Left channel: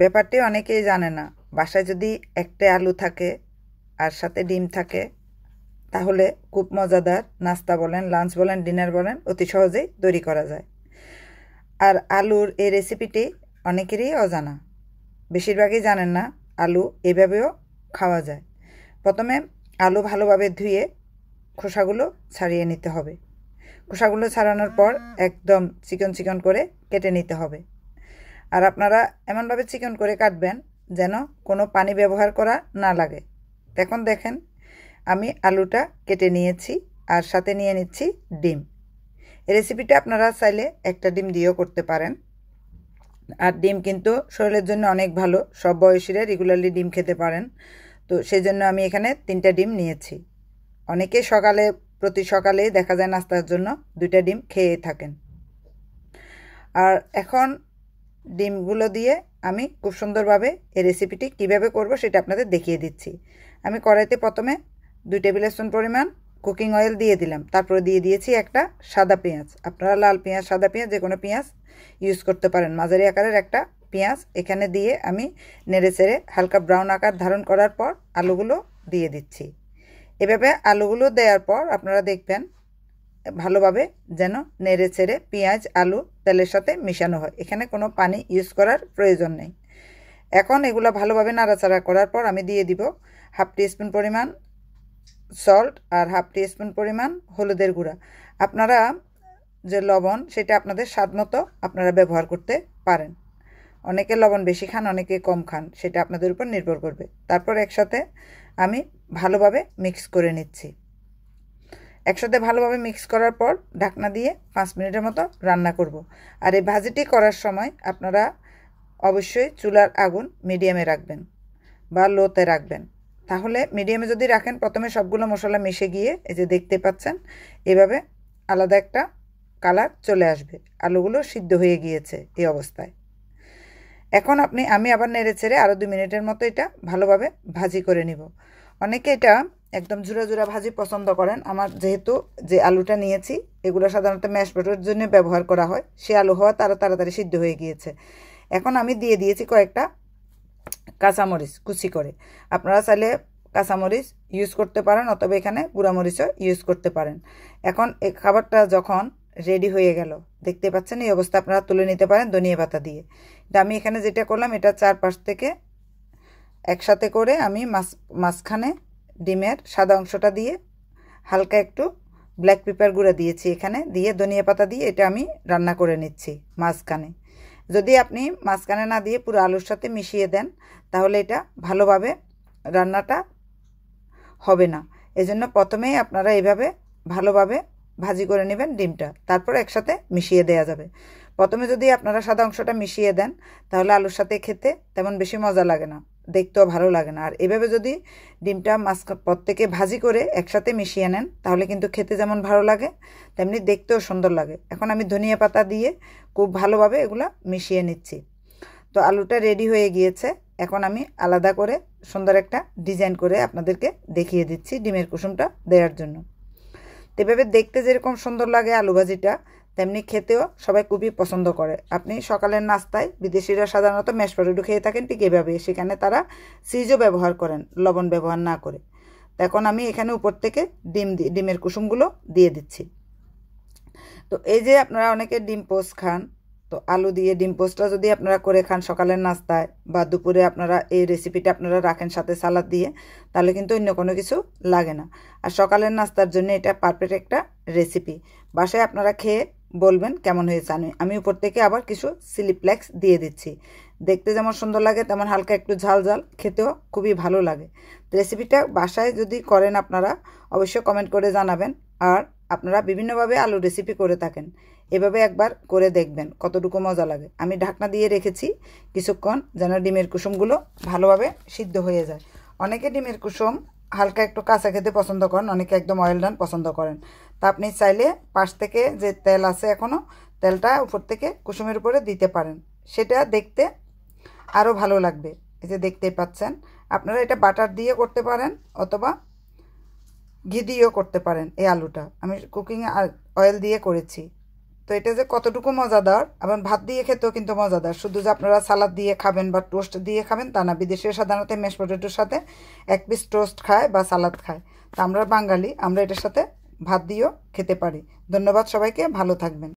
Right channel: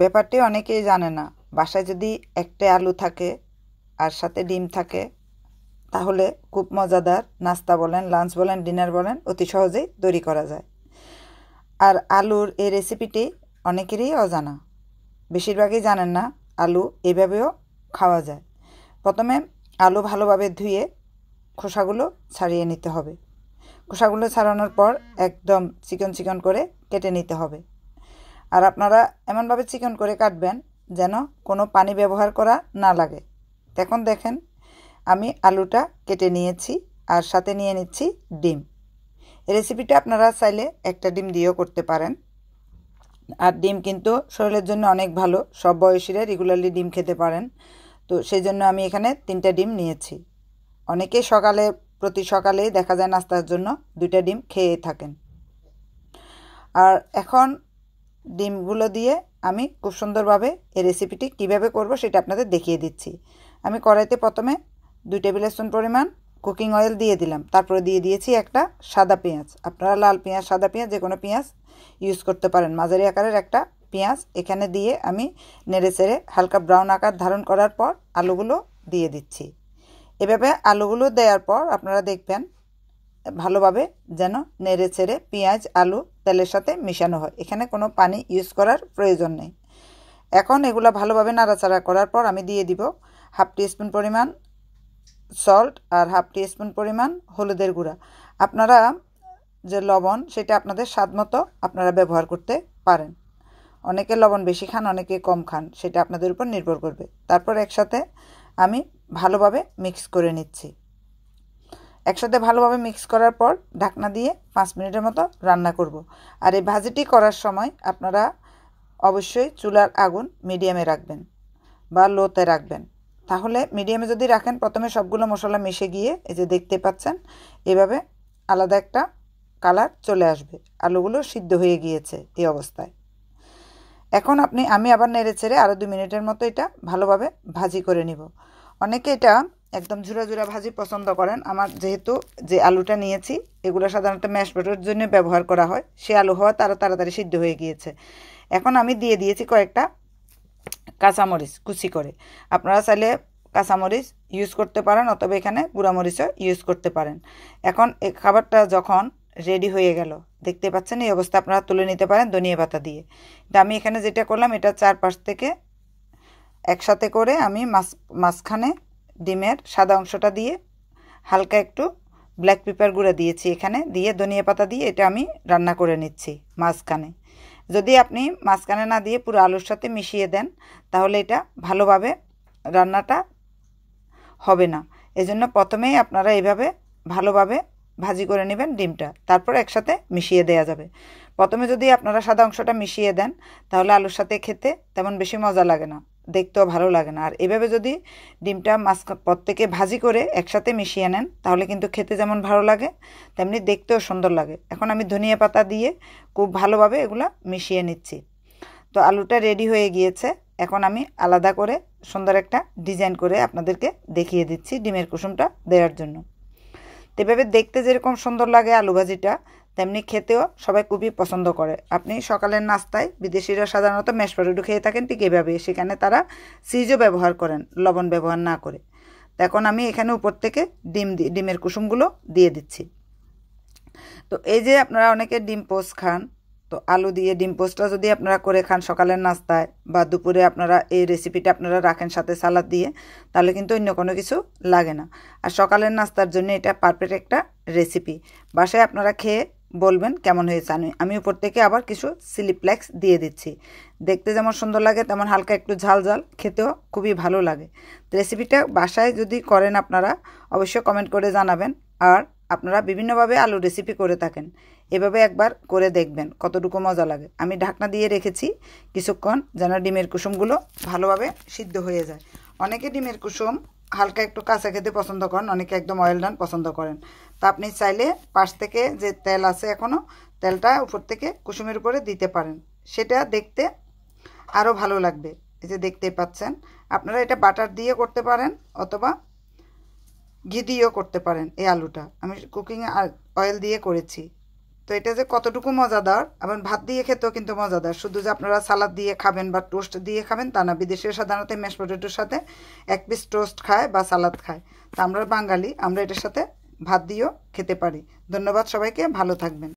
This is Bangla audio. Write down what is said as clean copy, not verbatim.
ব্যাপারটি অনেকেই জানে না। বাসায় যদি একটা আলু থাকে আর সাথে ডিম থাকে তাহলে খুব মজাদার নাস্তা বলেন, লাঞ্চ বলেন, ডিনার বলেন অতি সহজেই তৈরি করা যায়। আর আলুর এই রেসিপিটি অনেকেরই অজানা, বেশিরভাগই জানেন না আলু এভাবেও খাওয়া যায়। প্রথমে আলু ভালোভাবে ধুয়ে খোসাগুলো ছাড়িয়ে নিতে হবে। খোসাগুলো ছাড়ানোর পর একদম চিকন চিকন করে কেটে নিতে হবে। আর আপনারা এমনভাবে চিকন করে কাটবেন যেন কোনো পানি ব্যবহার করা না লাগে। এখন দেখেন আমি আলুটা কেটে নিয়েছি আর সাথে নিয়ে নিচ্ছি ডিম। এই রেসিপিটা আপনারা চাইলে একটা ডিম দিয়েও করতে পারেন। আর ডিম কিন্তু শরীরের জন্য অনেক ভালো, সব বয়সীরা রেগুলারলি ডিম খেতে পারেন। তো সেই জন্য আমি এখানে 3টা ডিম নিয়েছি। অনেকে প্রতি সকালেই দেখা যায় নাস্তার জন্য 2টা ডিম খেয়ে থাকেন। আর এখন ডিমগুলো দিয়ে আমি খুব সুন্দরভাবে এই রেসিপিটি কীভাবে করব সেটা আপনাদের দেখিয়ে দিচ্ছি। আমি কড়াইতে প্রথমে 2 টেবিল স্পুন পরিমাণ কুকিং অয়েল দিয়ে দিলাম। তারপরে দিয়ে দিয়েছি একটা সাদা পেঁয়াজ। আপনারা লাল পেঁয়াজ, সাদা পেঁয়াজ যে কোনো পেঁয়াজ ইউজ করতে পারেন। মাঝারি আকারের একটা পেঁয়াজ এখানে দিয়ে আমি নেড়েচেড়ে হালকা ব্রাউন আকার ধারণ করার পর আলুগুলো দিয়ে দিচ্ছি। এভাবে আলুগুলো দেওয়ার পর আপনারা দেখবেন ভালোভাবে যেন নেড়েচেড়ে পেঁয়াজ আলু তেলের সাথে মিশানো হয়। এখানে কোনো পানি ইউজ করার প্রয়োজন নেই। এখন এগুলো ভালোভাবে নাড়াচাড়া করার পর আমি দিয়ে দিব হাফ টিস্পুন পরিমাণ সল্ট আর হাফ টিস্পুন পরিমাণ হলুদের গুঁড়া। আপনারা যে লবণ সেটা আপনাদের স্বাদ মতো আপনারা ব্যবহার করতে পারেন। অনেকে লবণ বেশি খান, অনেকে কম খান, সেটা আপনাদের উপর নির্ভর করবে। তারপর একসাথে আমি ভালোভাবে মিক্স করে নিচ্ছি। একসাথে ভালোভাবে মিক্স করার পর ঢাকনা দিয়ে 5 মিনিটের মতো রান্না করব। আর এই ভাজিটি করার সময় আপনারা অবশ্যই চুলার আগুন মিডিয়ামে রাখবেন বা লোতে রাখবেন। তাহলে মিডিয়ামে যদি রাখেন প্রথমে সবগুলো মশলা মিশে গিয়ে এই যে দেখতে পাচ্ছেন এভাবে আলাদা একটা কালার চলে আসবে। আলুগুলো সিদ্ধ হয়ে গিয়েছে এই অবস্থায়। এখন আমি আবার নেড়েচেড়ে আরও 2 মিনিটের মতো এটা ভালোভাবে ভাজি করে নিব। অনেকে এটা একদম ঝুরা ঝুরা ভাজি পছন্দ করেন। আমার যেহেতু যে আলুটা নিয়েছি এগুলো সাধারণত ম্যাশ পটেটোর জন্য ব্যবহার করা হয়, সে আলু হওয়া তারও তাড়াতাড়ি সিদ্ধ হয়ে গিয়েছে। এখন আমি দিয়ে দিয়েছি কয়েকটা কাঁচামরিচ কুচি করে। আপনারা চাইলে কাঁচামরিচ ইউজ করতে পারেন অথবা এখানে গুঁড়ামরিচও ইউজ করতে পারেন। এখন এই খাবারটা যখন রেডি হয়ে গেল দেখতে পাচ্ছেন এই অবস্থা আপনারা তুলে নিতে পারেন ধনিয়া পাতা দিয়ে। আমি এখানে যেটা করলাম এটা 4 পাশ থেকে একসাথে করে আমি মাঝখানে ডিমের সাদা অংশটা দিয়ে হালকা একটু ব্ল্যাক পেপার গুঁড়া দিয়েছি, এখানে দিয়ে ধনিয়া পাতা দিয়ে এটা আমি রান্না করে নিচ্ছি মাঝখানে। যদি আপনি মাঝখানে না দিয়ে পুরো আলুর সাথে মিশিয়ে দেন তাহলে এটা ভালোভাবে রান্নাটা হবে না। এজন্য প্রথমেই আপনারা এইভাবে ভালোভাবে ভাজি করে নেবেন ডিমটা, তারপর একসাথে মিশিয়ে দেওয়া যাবে। প্রথমে যদি আপনারা সাদা অংশটা মিশিয়ে দেন তাহলে আলুর সাথে খেতে তেমন বেশি মজা লাগে না, দেখতেও ভালো লাগে না। আর এভাবে যদি ডিমটা প্রত্যেকে ভাজি করে একসাথে মিশিয়ে নেন তাহলে কিন্তু খেতে যেমন ভালো লাগে তেমনি দেখতেও সুন্দর লাগে। এখন আমি ধনিয়া পাতা দিয়ে খুব ভালোভাবে এগুলা মিশিয়ে নিচ্ছি। তো আলুটা রেডি হয়ে গিয়েছে। এখন আমি আলাদা করে সুন্দর একটা ডিজাইন করে আপনাদেরকে দেখিয়ে দিচ্ছি ডিমের কুসুমটা দেওয়ার জন্য। তো এভাবে দেখতে যেরকম সুন্দর লাগে আলু ভাজিটা তেমনি খেতেও সবাই খুবই পছন্দ করে। আপনি সকালের নাস্তায় বিদেশিরা সাধারণত ম্যাশ পটেটো খেয়ে থাকেন ঠিক এভাবে, সেখানে তারা চিজও ব্যবহার করেন লবণ ব্যবহার না করে। এখন আমি এখানে উপর থেকে ডিমের কুসুমগুলো দিয়ে দিচ্ছি। তো এই যে আপনারা অনেকে ডিম পোস্ট খান, তো আলু দিয়ে ডিম পোস্টটা যদি আপনারা করে খান সকালের নাস্তায় বা দুপুরে আপনারা এই রেসিপিটা আপনারা রাখেন সাথে সালাদ দিয়ে তাহলে কিন্তু অন্য কোনো কিছু লাগে না। আর সকালের নাস্তার জন্য এটা পারফেক্ট একটা রেসিপি। বাসায় আপনারা খেয়ে বলবেন কেমন হয়েছে। আমি উপর থেকে আবার কিছু চিলি ফ্লেক্স দিয়ে দিচ্ছি। দেখতে যেমন সুন্দর লাগে তেমন হালকা একটু ঝাল ঝাল, খেতেও খুবই ভালো লাগে। রেসিপিটা বাসায় যদি করেন আপনারা অবশ্যই কমেন্ট করে জানাবেন। আর আপনারা বিভিন্নভাবে আলু রেসিপি করে থাকেন, এভাবে একবার করে দেখবেন কতটুকু মজা লাগে। আমি ঢাকনা দিয়ে রেখেছি কিছুক্ষণ যেন ডিমের কুসুমগুলো ভালোভাবে সিদ্ধ হয়ে যায়। অনেকে ডিমের কুসুম হালকা একটু কাঁচা খেতে পছন্দ করেন, অনেকে একদম অয়েল ডান পছন্দ করেন। তা আপনি চাইলে পাশ থেকে যে তেল আছে এখনও তেলটা উপর থেকে কুসুমের উপরে দিতে পারেন, সেটা দেখতে আরও ভালো লাগবে। এই যে দেখতেই পাচ্ছেন আপনারা এটা বাটার দিয়ে করতে পারেন অথবা ঘি দিয়েও করতে পারেন। এই আলুটা আমি কুকিং অয়েল দিয়ে করেছি। তো এটা যে কতটুকু মজাদার, আবার ভাত দিয়ে খেতেও কিন্তু মজাদার। শুধু যে আপনারা সালাদ দিয়ে খাবেন বা টোস্ট দিয়ে খাবেন তা না, বিদেশিরা সাধারণত ম্যাশ পটেটোর সাথে এক পিস টোস্ট খায় বা সালাদ খায়। তা আমরা বাঙালি, আমরা এটার সাথে ভাত দিয়েও খেতে পারি। ধন্যবাদ সবাইকে, ভালো থাকবেন।